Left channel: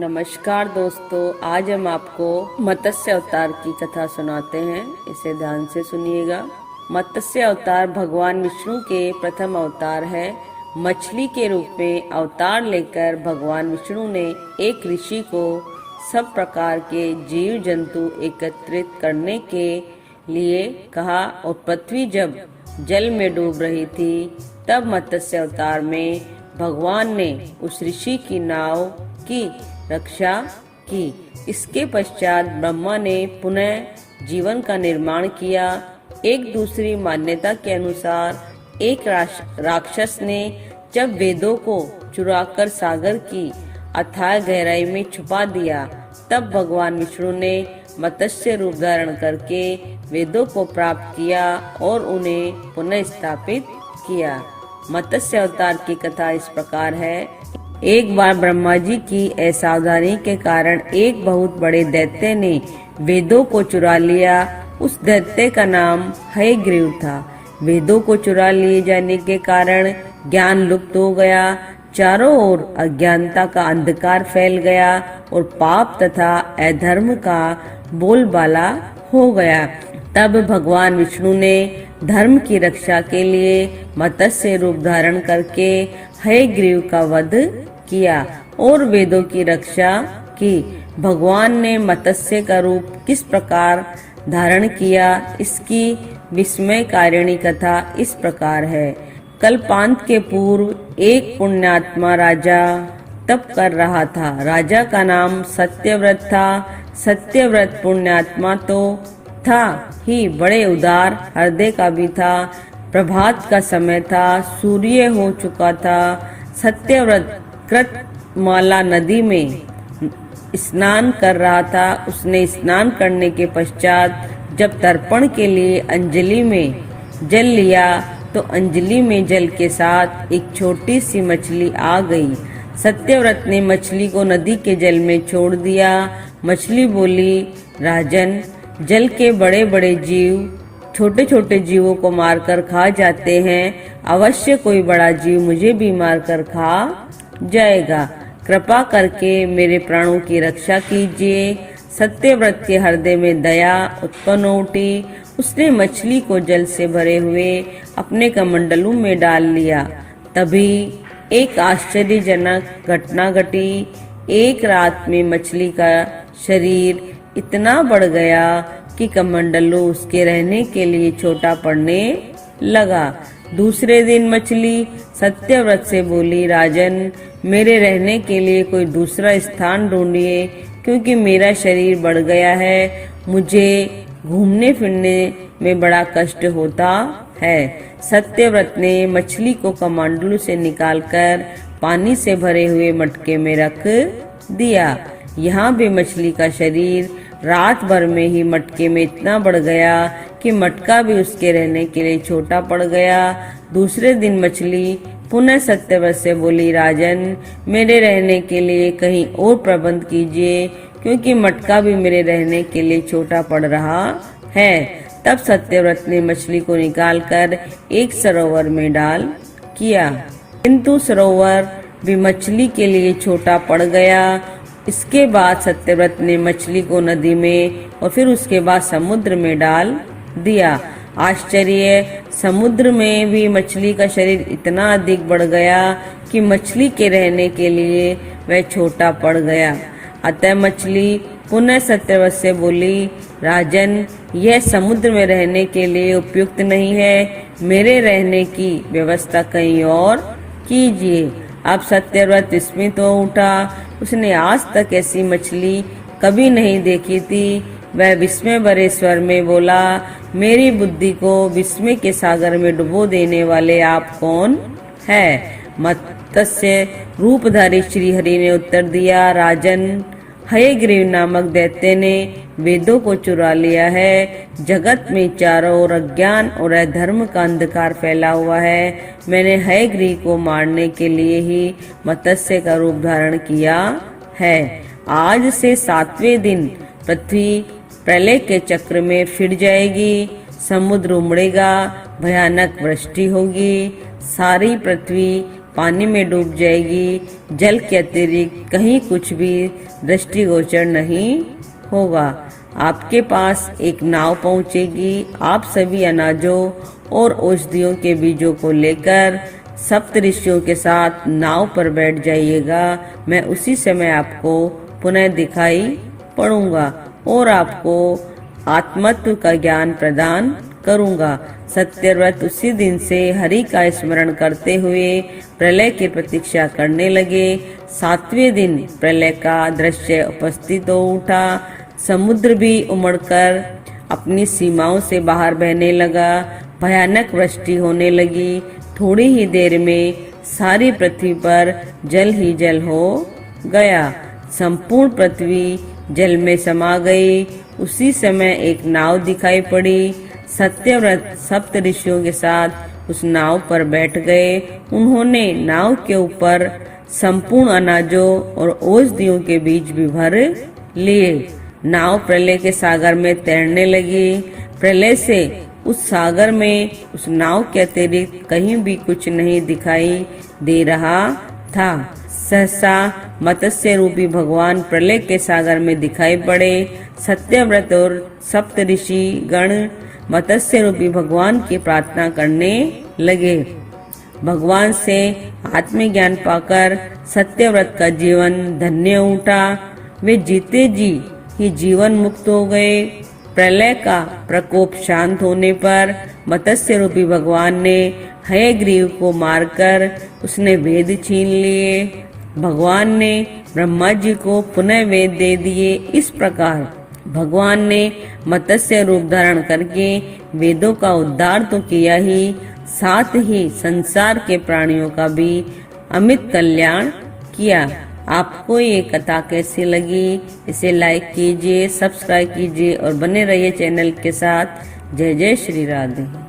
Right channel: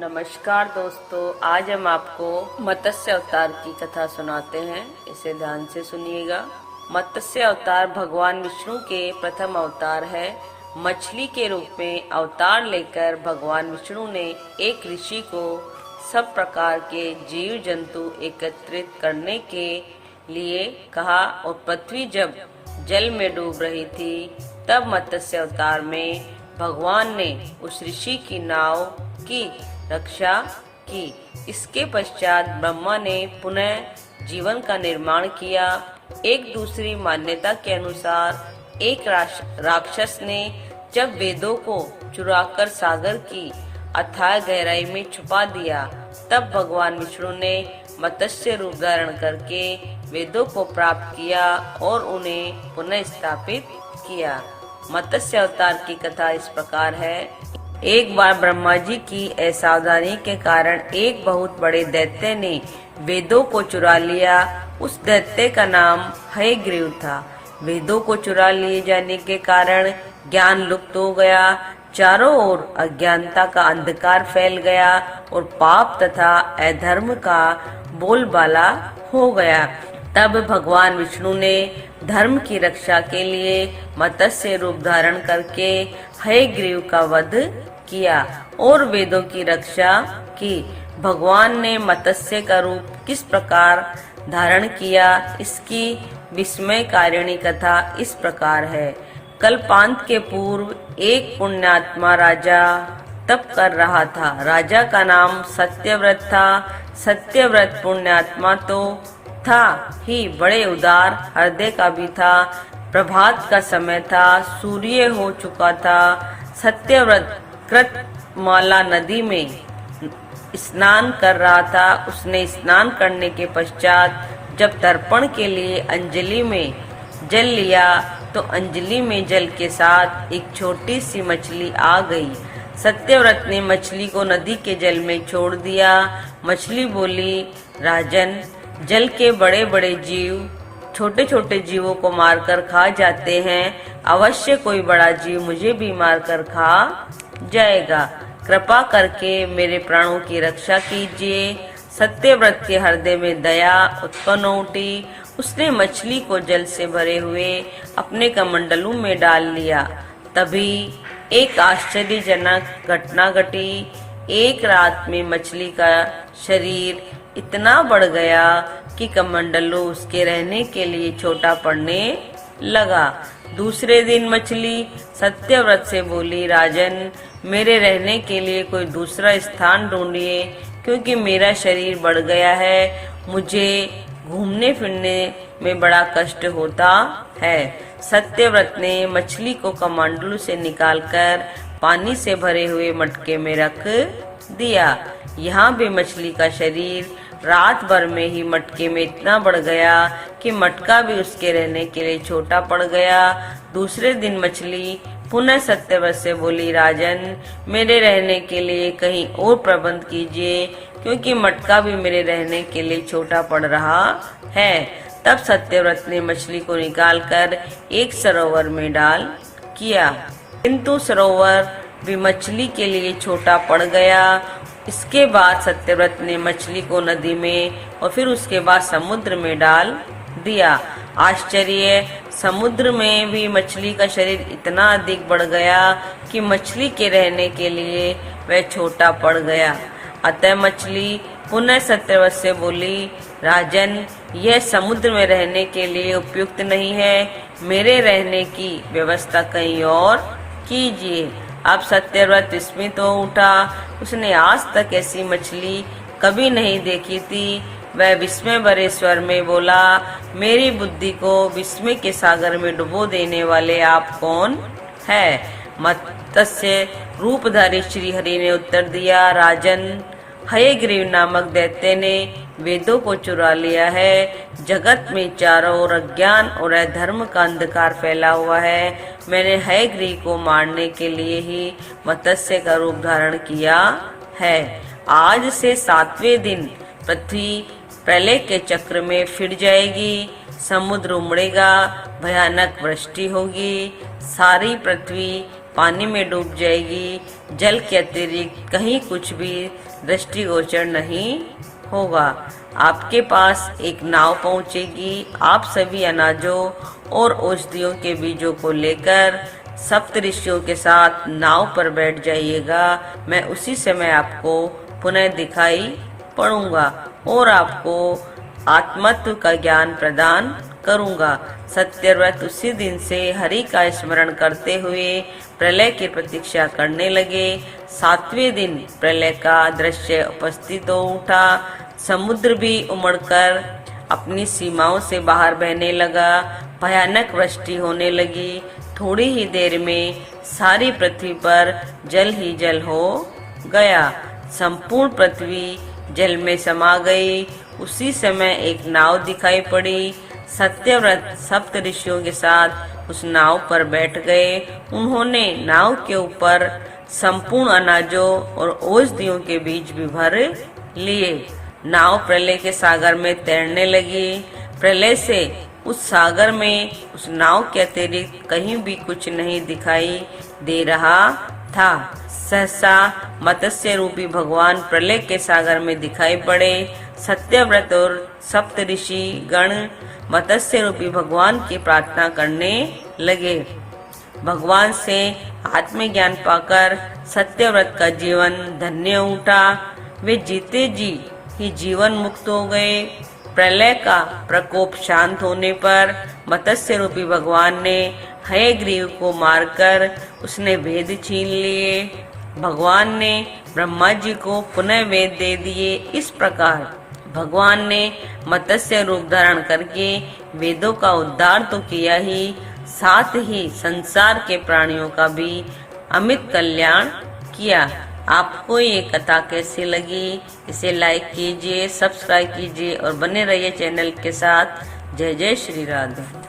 नमस्कार दोस्तों, आज हम आपको मत्स्य अवतार की कथा सुनाते हैं। इसे ध्यान से सुनिएगा। मत्स्य अवतार भगवान विष्णु के प्रथम अवतार है। मछली के रूप में अवतार लेकर भगवान विष्णु ने एक ऋषि को सब प्रकार के जीव जंतु एकत्रित करने के लिए कहा और पृथ्वी जब जल में डूब रही थी तब मत्स्य अवतार में भगवान ने उस ऋषि की नाव की रक्षा की। इसके पश्चात ब्रह्मा ने पुनः जीवन का निर्माण किया। एक दूसरी मान्यता के अनुसार एक राक्षस ने जब वेदों को चुराकर सागर की अथाह गहराई में छुपा दिया, तब भगवान विष्णु ने मत्स्य रूप धारण करके वेदों को प्राप्त किया और उन्हें पुनः स्थापित किया। मत्स्य अवतार की कथा इस प्रकार है। एक बार ब्रह्मा जी की असावधानी के कारण एक बहुत बड़े दैत्य ने वेदों को चुरा लिया। उस दैत्य का नाम हयग्रीव था। वेदों को चुरा लिए जाने के कारण ज्ञान लुप्त हो गया। चारों ओर अज्ञानता का अंधकार फैल गया और पाप तथा अधर्म का बोलबाला हो गया। तब भगवान विष्णु ने धर्म की रक्षा के लिए मत्स्य रूप धारण करके हयग्रीव का वध किया और वेदों की रक्षा की। भगवान ने मत्स्य का रूप किस प्रकार धारण किया, इसकी विस्मयकारिणी कथा इस प्रकार है। कल्पांत के पूर्व एक पुण्यात्मा राजा तप कर रहा था। राजा का नाम सत्यव्रत था। सत्यव्रत पुण्यात्मा तो था ही, बड़े उदार हृदय का भी था। प्रभात का समय था, सूर्य हो चुका था। सत्यव्रत कृतमाला नदी में स्नान कर रहा था। उसने स्नान करने के पश्चात जब तर्पण के लिए अंजलि में जल लिया तो अंजलि में जल के साथ एक छोटी सी मछली आ गई। सत्यव्रत ने मछली को नदी के जल में छोड़ दिया। मछली बोली, राजन, जल के बड़े बड़े जीव छोटे छोटे जीवों को मारकर खा जाते हैं। अवश्य कोई बड़ा जीव मुझे भी मारकर खा जाएगा। कृपा करके मेरे प्राणों की रक्षा कीजिए। सत्यव्रत के हृदय में दया उत्पन्न उठी। उसने मछली को जल से भरे हुए अपने कमंडलू में डाल लिया। तभी एक आश्चर्यजनक घटना घटी। एक रात में मछली का शरीर इतना बढ़ गया कि कमंडलू उसके रहने के लिए छोटा पड़ने लगा। दूसरे दिन मछली सत्यव्रत से बोली, राजन, मेरे रहने के लिए कोई दूसरा स्थान ढूंढिए, क्योंकि मेरा शरीर बढ़ गया है। मुझे घूमने फिरने में बड़ा कष्ट होता है। सत्यव्रत ने मछली को कमंडलू से निकालकर पानी से भरे हुए मटके में रख दिया। यहाँ भी मछली का शरीर रात भर में ही मटके में इतना बढ़ गया कि मटका भी उसके रहने के लिए छोटा पड़ गया। दूसरे दिन मछली पुनः सत्यव्रत से बोली, राजन, मेरे रहने के लिए कहीं और प्रबंध कीजिए, क्योंकि मटका भी मेरे रहने के लिए छोटा पड़ रहा है। तब सत्यव्रत ने मछली को निकालकर एक सरोवर में डाल किया, किंतु सरोवर भी मछली के लिए छोटा पड़ गया। इसके बाद सत्यव्रत ने मछली को नदी में और फिर उसके बाद समुद्र में डाल दिया। आश्चर्य, समुद्र में भी मछली का शरीर इतना अधिक बढ़ गया कि मछली के रहने के लिए वह छोटा पड़ गया। अतः मछली पुनः सत्यव्रत से बोली, राजन, यह समुद्र में रहने के लिए उपयुक्त नहीं है। मेरे रहने की व्यवस्था कहीं और कीजिए। अब सत्यव्रत विस्मित हो उठा। उसने आज तक ऐसी मछली कभी नहीं देखी थी। वह विस्मय भरे स्वर में बोला, मेरी बुद्धि को विस्मय के सागर में डुबो देने वाले आप कौन है? मत्स्य रूपधारी श्री हरि ने उत्तर दिया, राजन, हयग्रीव नामक दैत्य ने वेदों को चुरा लिया है। जगत में चारों ओर अज्ञान और अधर्म का अंधकार फैला हुआ है। मैंने हयग्रीव को मारने के लिए ही मत्स्य का रूप धारण किया है। आज से 7वें दिन पृथ्वी प्रलय के चक्र में फिर जाएगी। समुद्र उमड़ेगा, भयानक वृष्टि होगी। सारी पृथ्वी पानी में डूब जाएगी। जल के अतिरिक्त कहीं कुछ भी दृष्टिगोचर नहीं होगा। आपके पास एक नाव पहुंचेगी। आप सभी अनाजों और औषधियों के बीजों को लेकर सप्तऋषियों के साथ नाव पर बैठ जाइएगा। मैं उसी समय आपको पुनः दिखाई पड़ूंगा और आपको आत्मत्व का ज्ञान प्रदान करूंगा। सत्यव्रत उसी दिन से हरि का स्मरण करते हुए प्रलय की प्रतीक्षा करने लगे। 7वें दिन प्रलय का दृश्य उपस्थित हो उठा। समुद्र भी उमड़कर अपनी सीमाओं से बाहर बहने लगा। भयानक वृष्टि होने लगी। थोड़ी ही देर में सारी पृथ्वी पर जल ही जल हो गया। संपूर्ण पृथ्वी जल में समा गई। उसी समय एक नाव दिखाई पड़ी। सत्यव्रत सप्तऋषियों के साथ उस नाव पर बैठ गए। उन्होंने नाव के ऊपर संपूर्ण अनाजों और औषधियों के बीज भी भर लिए। नाव प्रलय के सागर में तैरने लगी। प्रलय से उस सागर में उस नाव के अतिरिक्त कहीं भी कुछ नहीं दिखाई दे रहा था। सहसा मत्स्य रूपी भगवान प्रलय के सागर में दिखाई पड़े। सत्यव्रत और सप्तऋषि गण मत्स्य रूपी भगवान की प्रार्थना करने लगे। भगवान से आत्मज्ञान पाकर सत्यव्रत का जीवन धन्य उठा। वे जीते जी ही जीवन मुक्त हो गए। प्रलय का प्रकोप शांत होने पर मत्स्य रूपी भगवान ने हयग्रीव को मारकर उसने वेद छीन लिए। भगवान ने ब्रह्मा जी को पुनः वेद दे दिए। इस प्रकार भगवान ने मत्स्य रूप धारण करके वेदों का उद्धार तो किया ही, साथ ही संसार के प्राणियों का भी अमित कल्याण किया। आपको ये कथा कैसी लगी? इसे लाइक कीजिए, सब्सक्राइब कीजिए और बने रहिए चैनल के साथ। जय जय श्री राधे।